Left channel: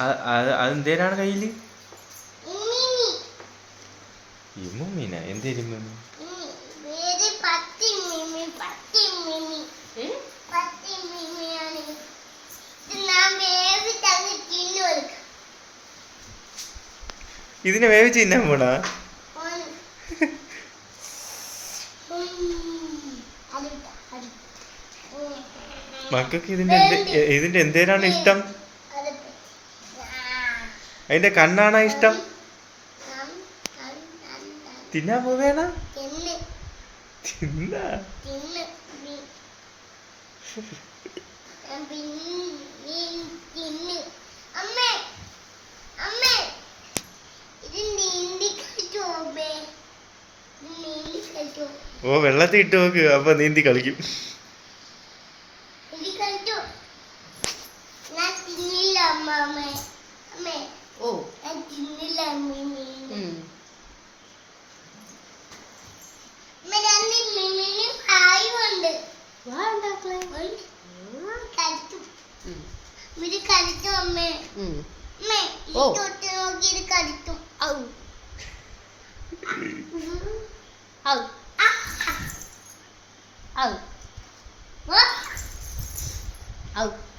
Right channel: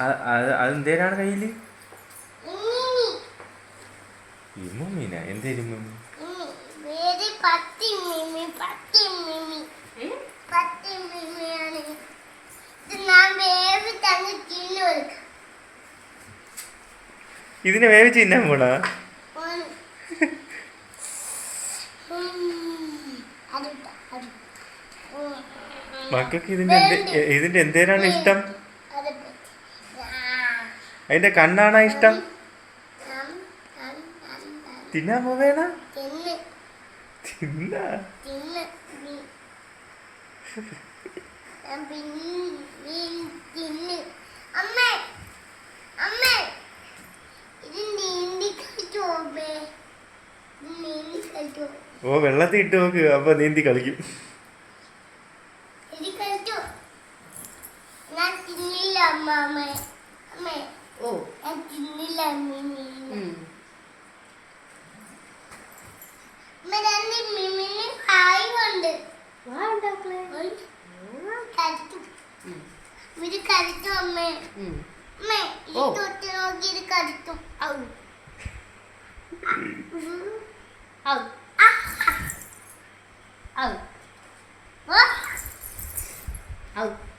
അതെന്തേരാണ് കയ്യില്? ഇമ്മീന എന്തേലും ഇതിനെ വേവിച്ച് തിന്നാൻ പോണാ? മക്കൾക്ക് ഇതിന്റെ എന്തേരാണ് ഇഷ്ടം? അതിന്റെ കണ്ണാണോ ഇഷ്ടം? തിന്നാൻ പോവേണ തിന്ന ഓ വെള്ളത്തിൽ ഇട്ട് നോക്ക്, അപ്പൊ നീന്തി കളിക്കും. Out.